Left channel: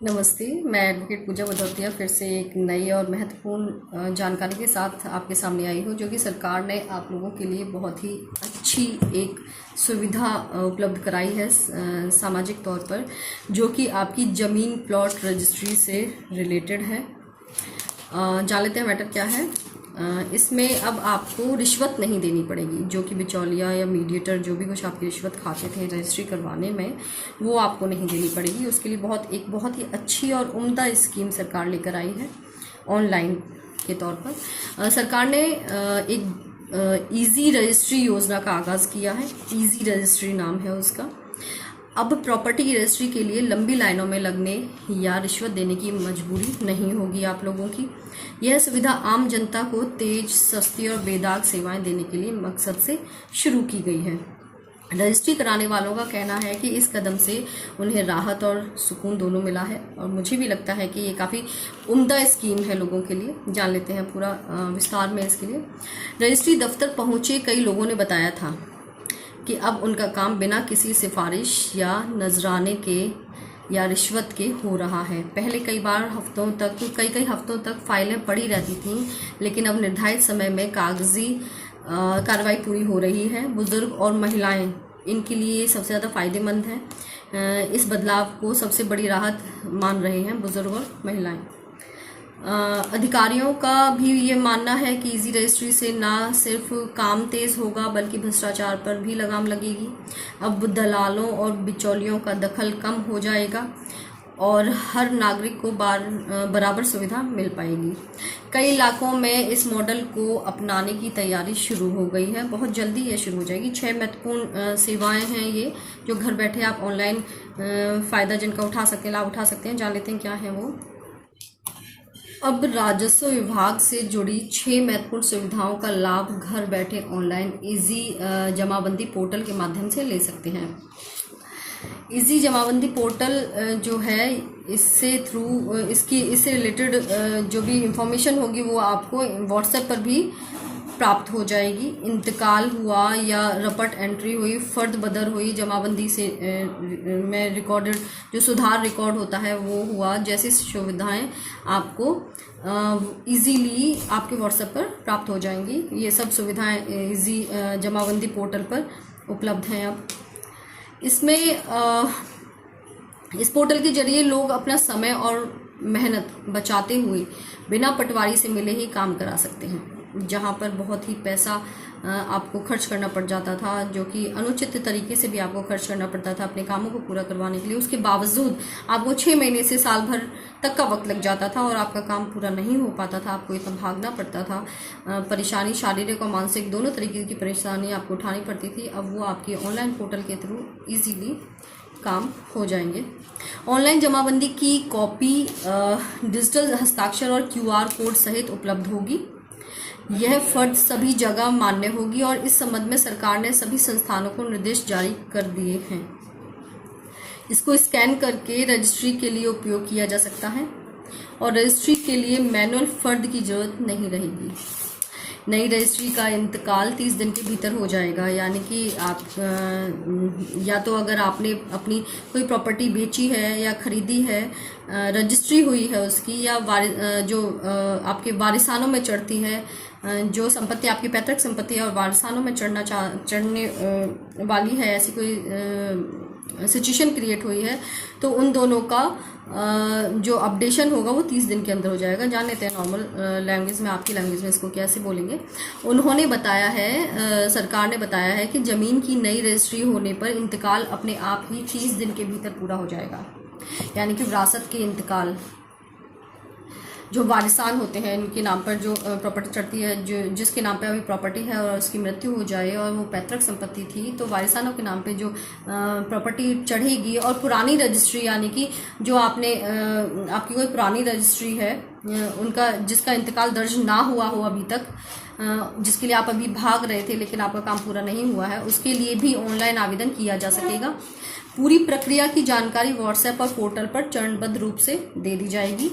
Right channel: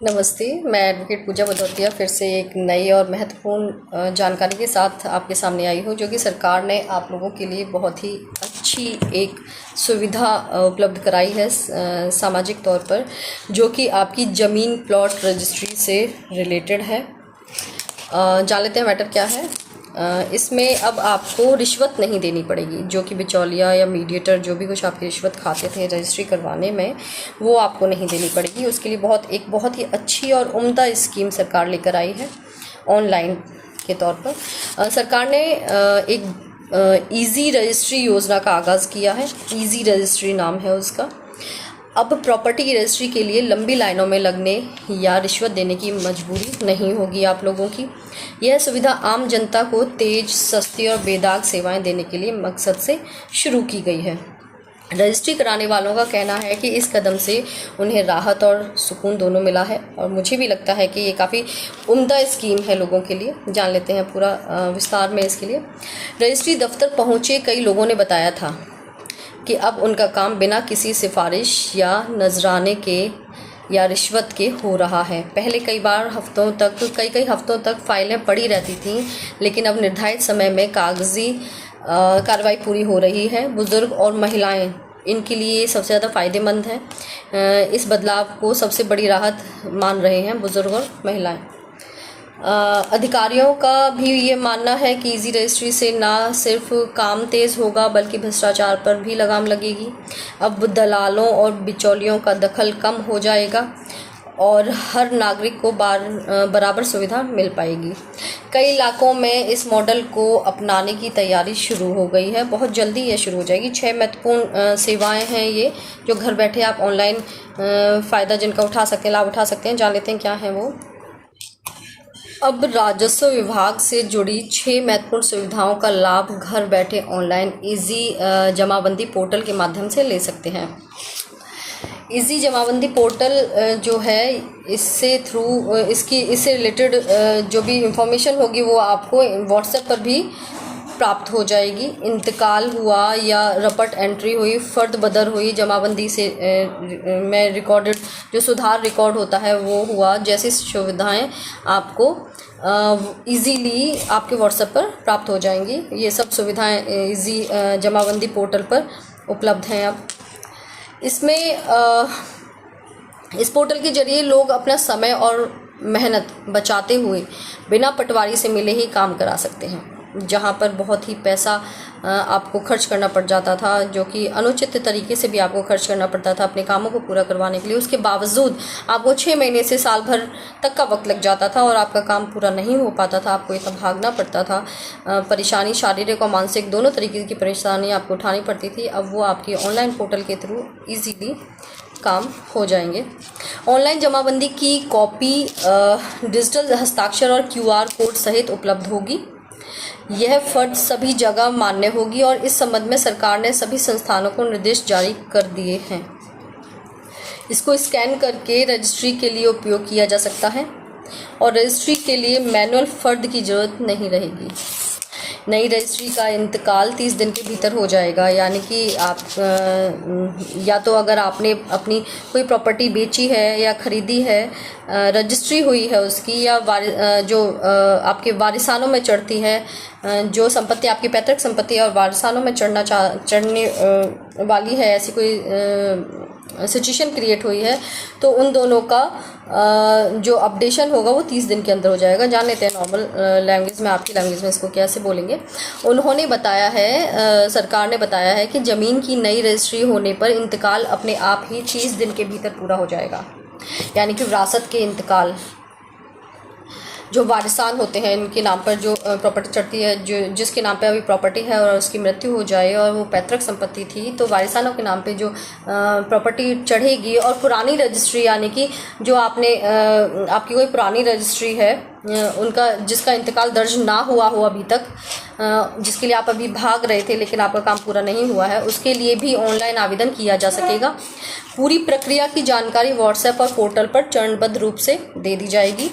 नमस्ते। मैं एडवोकेट पूजा भदौतिया फिर से एक नई और महत्वपूर्ण जानकारी के साथ आपके सामने आई हूँ, जो कि सरकार ने आप लोगों के लिए बहुत ही अच्छी एक सुविधा उपलब्ध कराई है सामाजिक तौर पर, जो कि आपकी ज़मीन प्लॉट रजिस्ट्री से रिलेटेड है। जान लेते हैं मैटर क्या है। इसमें अब आपको रिश्वत नहीं देनी पड़ेगी, जो कि बिचौलिया या मीडिएटर जो भी कुछ आपकी रिश्वत खाते थे रजिस्ट्री करवाने में, वो आपको नहीं देनी पड़ेगी। उसके लिए बहुत ही अच्छी और उम्दा स्कीम सरकार लेकर आई है ऑनलाइन के तौर पर। सरकार ने एक इजी रजिस्ट्री योजना का आगाज़ किया है। इजी रजिस्ट्री नाम है उसका। अब प्रॉपर्टी की रजिस्ट्री के लिए लंबी लाइनों में लगने या रिश्वत देने की मजबूरी नहीं होगी आप लोगों की। यह सुविधा आम जनता को तेज़, सस्ती और बेदाग सेवाएं देने के लिए मकसद से शुरू की गई है। रजिस्ट्री कराने वालों का कहना है कि इस कदम से उन्हें राहत और सुकून दोनों मिला है, और मुझे भी लगता है कि ये काफ़ी उम्दा स्कीम है लोगों के लिए। जान लेते हैं पूरा विस्तार में इसके लिए। रजिस्ट्री दफ्तर पहुँचे कई लोगों ने बताया था कि अब उनका काम बिना किसी सिफारिश या नजराने के या रिश्वत के हो रहा है। पहले कई हफ्तों तक फाइलें पड़ी रहती थीं, लेकिन अब निर्धारित समय में कागजी कार्रवाई पूरी हो रही है। बुज़ुर्ग और महिलाएं, इनके लिए सबसे ज़्यादा फ़ायदेमंद है। इस बदलाव को सबसे बड़ी राहत मान रहे हैं बुज़ुर्ग और महिलाएं। अधिकारियों का भी ये मानना है कि इजी रजिस्ट्री से ना सिर्फ काम तेज़ होगा, बल्कि भ्रष्टाचार पर भी लगाम लगेगी। अब दलालों और बिचौलियों का दखल कम हो जाएगा और हर नागरिक को बराबर सुविधा मिल पाएगी। कई इलाकों में इस मॉडल को अपनाने की तैयारी शुरू हो गई है। बहुत जल्दी ये शुरू हो जाएगी। 6 महत्वपूर्ण सेवाएं हैं ये, जो घर बैठे आप ऑनलाइन फ़ायदा जिनका उठा सकते हैं, लाभ उठा सकते हैं। जान लेते हैं क्या है वो। अब राजस्व विभाग से जुड़ी 6 महत्वपूर्ण सुविधाओं का लाभ घर बैठे ऑनलाइन इजी जमाबंदी पोर्टल के माध्यम से ले सकते हैं। इजी जमाबंदी पोर्टल जो है, इससे रिलेटेड जो भी इंफॉर्मेशन होगी वो आपको व्हाट्सएप पर भी प्राप्त हो जाएगी। इंतकाल हुआ या रपट एंट्री हुई, फ़र्द बदर हुई, जमाबंदी से में रिकॉर्डेड जो सुधार रिकॉर्ड होता है वो हुआ, जैसी सुविधाएं आपको इजीली आपके व्हाट्सएप पर प्राप्त हो जाएंगी। ये सब सुविधाएं इजी जमाबंदी पोर्टल पर उपलब्ध हैं। अब इसमें इस पोर्टल के जरिए लोग अपना समय और मेहनत बचाते हुए बिना पटवारी से मिले ही काम करा सकते हैं। जहाँ पर बहुत ही पैसा आपको खर्च करना पड़ जाता था, जो कि अनुचित तरीके से भी आपको खर्च करना पड़ता था अपने कामों को पूरा करवाने के लिए, उसके बावजूद आपको 6 महीने से साल भर तक का वक्त लग जाता था और आपका काम पूरा नहीं हो पाता था। आपको इतना भागना पड़ता था। परेशानी, शारीरिक और मानसिक दोनों तरीके की परेशानी आपको उठानी पड़ती थी। अब वो आपकी ऑनलाइन पोर्टल के थ्रू ईजीली काम हो जाएंगे। ऑनलाइन जमाबंदी की कॉपी डिजिटल हस्ताक्षर और QR कोड सहित उपलब्ध होगी। यह फ़र्ज सभी जगह मान्य होगी और इस संबंध में सरकार ने सभी संस्थानों को निर्देश जारी कर दिए हैं। इसको स्कैन करके रजिस्ट्री के लिए उपयोग किया जा सकता है और रजिस्ट्री के लिए मैनुअल फ़र्द की ज़रूरत नहीं रहेगी। नई रजिस्ट्री का इंतकाल 30 दिन के भीतर हो जाएगा, यानी कि आप या तो अगर आपने अपनी कोई प्रॉपर्टी बेची है या ख़रीदी है, रजिस्ट्री हुई है उसकी, या जो आपके वारिसानों में चढ़ती है, जो संपत्ति आपकी पैतृक संपत्ति है और वारिसानों में चढ़ने वाली है, ऐसी कोई सिचुएशन क्रिएट हुई है, तो उन दोनों का जो अपडेशन होगा वो 30 दिन के अंदर हो जाएगा। जान लेते हैं नॉर्मल लैंग्वेज में, आपकी लैंग्वेज में इसको कैसे बोलेंगे। उन्होंने बताया है, सरकार ने बताया है कि ज़मीन की नई रजिस्ट्री होने पर इंतकाल अपने आप ही 30 दिन के भीतर पूरा हो जाएगा। यानी कि विरासत के इंतकाल, जो वारिसान होते हैं, इनके नाम पर जो प्रॉपर्टी चढ़ती है, जिसके नाम पे अभी प्रॉपर्टी है और उसकी मृत्यु हो जाए और वो पैतृक संपत्ति थी, तो वारिसानों के नाम पे जो प्रॉपर्टी चढ़ेगी, और पुरानी रजिस्ट्री, यानी कि जो आपकी कोई पुरानी रजिस्ट्री है उनका जिसका इंतकाल दर्ज ना हुआ हो अभी तक, जिसके लिए आप अभी भाग रहे थे लेकिन आपका काम पूरा नहीं हुआ है, उसके लिए भी ऑनलाइन आवेदन किया जा सकेगा। पूरी प्रक्रिया की जानकारी व्हाट्सएप और पोर्टल पर चरणबद्ध रूप से दे दी जाएगी।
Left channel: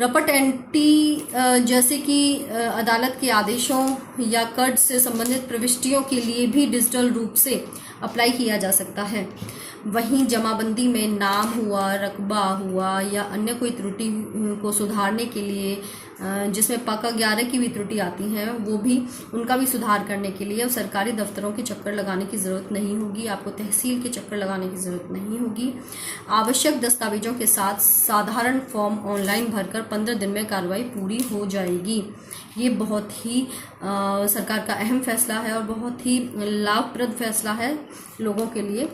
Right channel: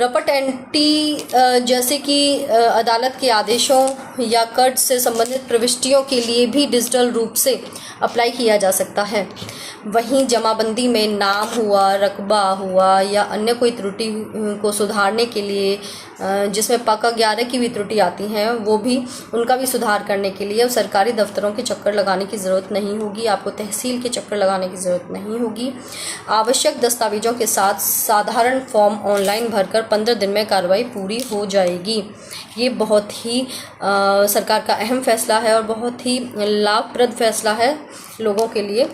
रपट एंटी जैसे कि अदालत के आदेशों या कर्ज से संबंधित प्रविष्टियों के लिए भी डिजिटल रूप से अप्लाई किया जा सकता है। वहीं जमाबंदी में नाम हुआ, रकबा हुआ या अन्य कोई त्रुटि को सुधारने के लिए जिसमें पक्का 11 की भी त्रुटि आती हैं, वो भी उनका भी सुधार करने के लिए अब सरकारी दफ्तरों के चक्कर लगाने की ज़रूरत नहीं होगी। आपको तहसील के चक्कर लगाने की ज़रूरत नहीं होगी। आवश्यक दस्तावेजों के साथ साधारण फॉर्म ऑनलाइन भरकर 15 दिन में कार्रवाई पूरी हो जाएगी। ये बहुत ही सरकार का अहम फैसला है और बहुत ही लाभप्रद फैसला है लोगों के लिए।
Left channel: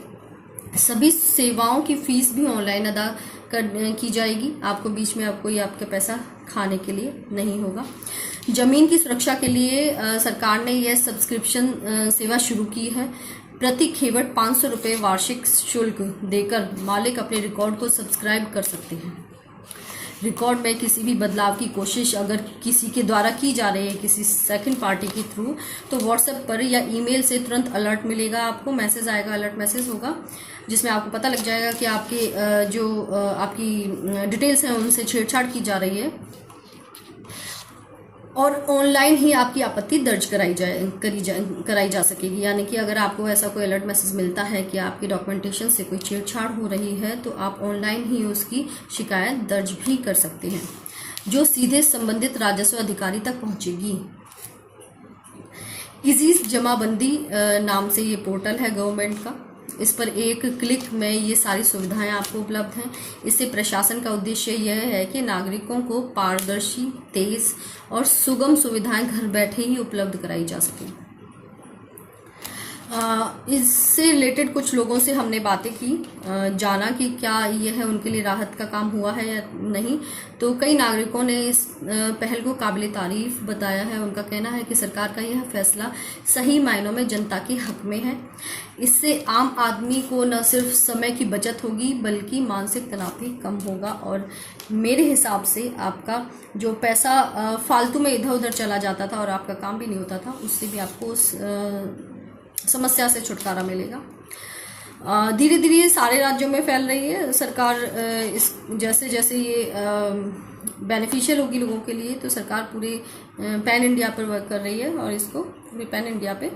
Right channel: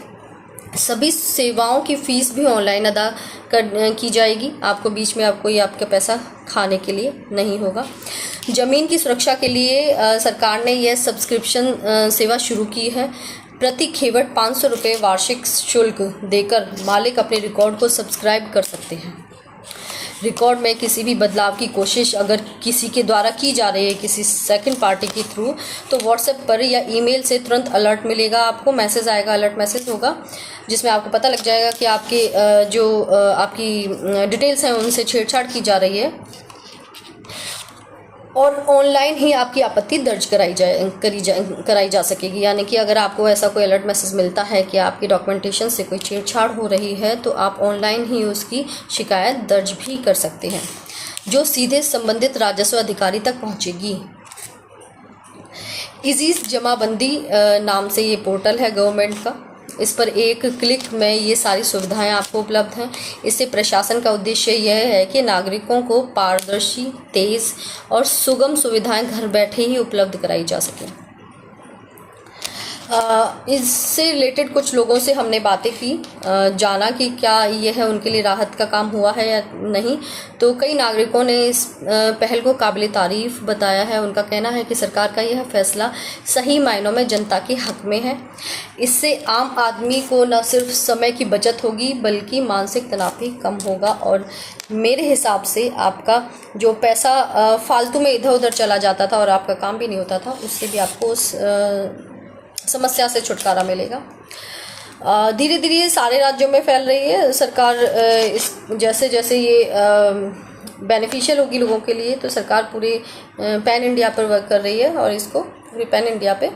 सभी सेवाओं की फ़ीस भी ऑनलाइन अदा की जाएगी। आपको बीच में आपका पैसा खाने के लिए नहीं होगा। ज़मीन की सुरक्षा के लिए सरकार ने यह सब्सक्रिप्शन सेवा शुरू की है। प्रति खेवट 500 रुपये वार्षिक शुल्क देकर मालिक अपने रिकॉर्ड को सब्सक्राइब कर सकते हैं। रिकॉर्ड में किसी भी बदलाव की कोशिश अगर किसी के द्वारा की जा रही है, किसी सेकंड पार्टी के थ्रू, तो व्हाट्सएप पर या ईमेल से तुरंत अलर्ट मिलेगा। आपको मैसेज आएगा, अलर्ट मैसेज होगा, जिसमें आपको पता लग जाएगा कि आपके आपकी डिटेल्स हैं उनसे छेड़छाड़ की जा रही है और ऑनलाइन ही आपकी आपत्ति दर्ज कराई जा सकेगी। यानी कि अगर आपको ऐसा कोई अलर्ट मैसेज मिलता है कि आपकी डॉक्यूमेंटेशन से कोई छेड़छाड़ हो रही है, तो आप ऑनलाइन ही उसकी शिकायत दर्ज भी कर सकते हैं, जो सीधे संबंधित राजस्व अधिकारी तक पहुंचेगी। इजी जमाबंदी नाम से ये पोर्टल है गवर्नमेंट का। इस पर एक क्लिक में ये सारी सुविधाएं आपको उपलब्ध हैं। इससे प्रशासन का उद्देश्य यह है कि नागरिकों को पारदर्शी, तेज़ और सुगम सुविधाएं घर बैठे ही उपलब्ध कराई जा सकें। इससे रिलेटेड कुछ लोगों से हमने बातें की, जाना कि क्या यह उनके लिए राहत का काम हुआ है या नहीं। तो कई नागरिकों ने इस पहल को काबिल तारीफ बताया है। उनका कहना है कि सरकार का यह फैसला सही मायनों में जनता के हक में है। इससे आम आदमी को न सिर्फ समय की बचत होगी बल्कि मानसिक तनाव भी कम होगा और मेरे हिसाब से आपका जो पैसा फालतू में इधर उधर चला जाता था और आपका काम भी नहीं होता था, उससे भी आपको उस समस्या से छुटकारा मिलेगा। धीरे धीरे ये सारे राज्यों में फैल रही है सरकार। इस जैसे जैसे ये बेनिफिशियल होगी लोगों के लिए, तो सरकार पूरे पैन इंडिया पर वर्क कर रही है और इसको पूरे पैन इंडिया पे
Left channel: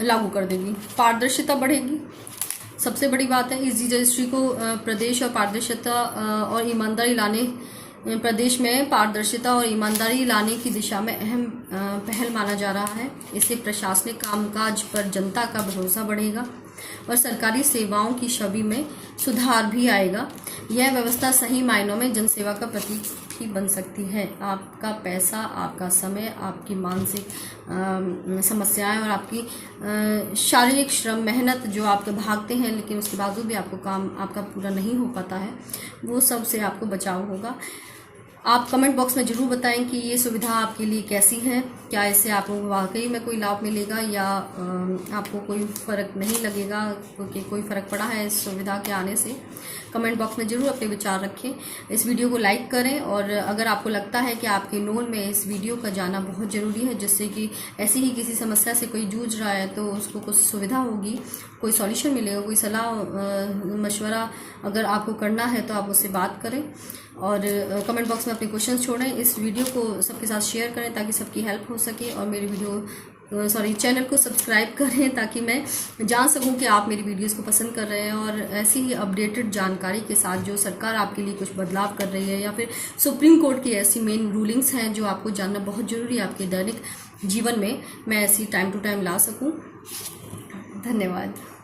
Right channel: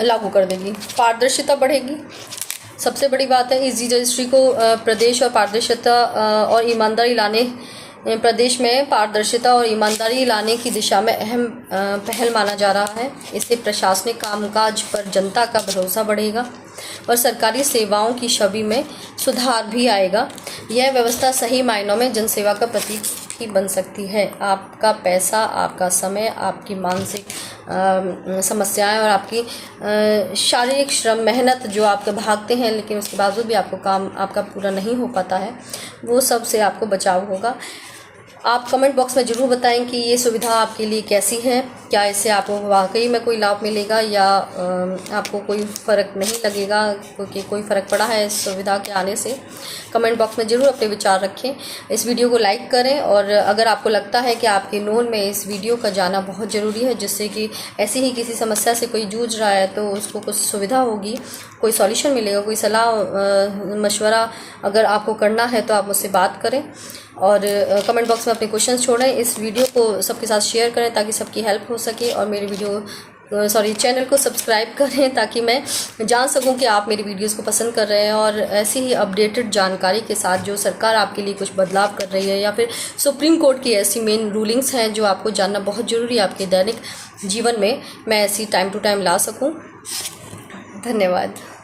लागू कर देगी। पारदर्शिता बढ़ेगी, सबसे बड़ी बात है। इजी रजिस्ट्री को प्रदेश और पारदर्शिता और ईमानदारी लाने प्रदेश में पारदर्शिता और ईमानदारी लाने की दिशा में अहम पहल माना जा रहा है। इससे प्रशासनिक कामकाज पर जनता का भरोसा बढ़ेगा और सरकारी सेवाओं की छवि में सुधार भी आएगा। यह व्यवस्था सही मायनों में जनसेवा का प्रतीक ही बन सकती है। आपका पैसा, आपका समय, आपकी मानसिक समस्याएं और आपकी शारीरिक श्रम, मेहनत जो आपके भागते हैं लेकिन उसके बावजूद भी आपको काम आपका पूरा नहीं हो पाता है, वो सब से आपको बचाव होगा। आप कमेंट बॉक्स में ज़रूर बताएं कि ये सुविधा आपके लिए कैसी है। क्या इससे आपको वाकई में कोई लाभ मिलेगा या आपको कोई फ़र्क नहीं लगेगा, क्योंकि कोई फ़र्क पड़ा है इस सुविधा के आने से। कमेंट बॉक्स में ज़रूर अपने विचार रखें। इस वीडियो को लाइक करें और अगर आपको लगता है कि आपके नोन में इस वीडियो का जाना बहुत ज़रूरी है, जिससे कि ऐसी ही किसी समस्या से कोई जूझ रहा है तो उसको कुछ सुविधा होगी, कोई सॉल्यूशन मिलेगा, कोई सलाह मशवरा अगर आपको करना है तो आप मुझसे बात करें और कमेंट बॉक्स में अपने क्वेश्चंस छोड़ें। इस वीडियो को सबके साथ शेयर करें ताकि सबकी हेल्प हो सके और मेरे चैनल को सब्सक्राइब करें ताकि मैं जान सकूं कि आप मेरी वीडियोस को पसंद कर रहे हैं और ऐसी ही अपडेटेड जानकारी के साथ जो सरकार आपके लिए कुछ बदलाव कर रही है या फिर सुप्रीम कोर्ट की ऐसी मेन रूलिंग्स हैं जो आपको जानना बहुत ज़रूरी है आपके दैनिक जीवन में, मैं ऐसी टाइम टू टाइम ला सकूं। धन्यवाद।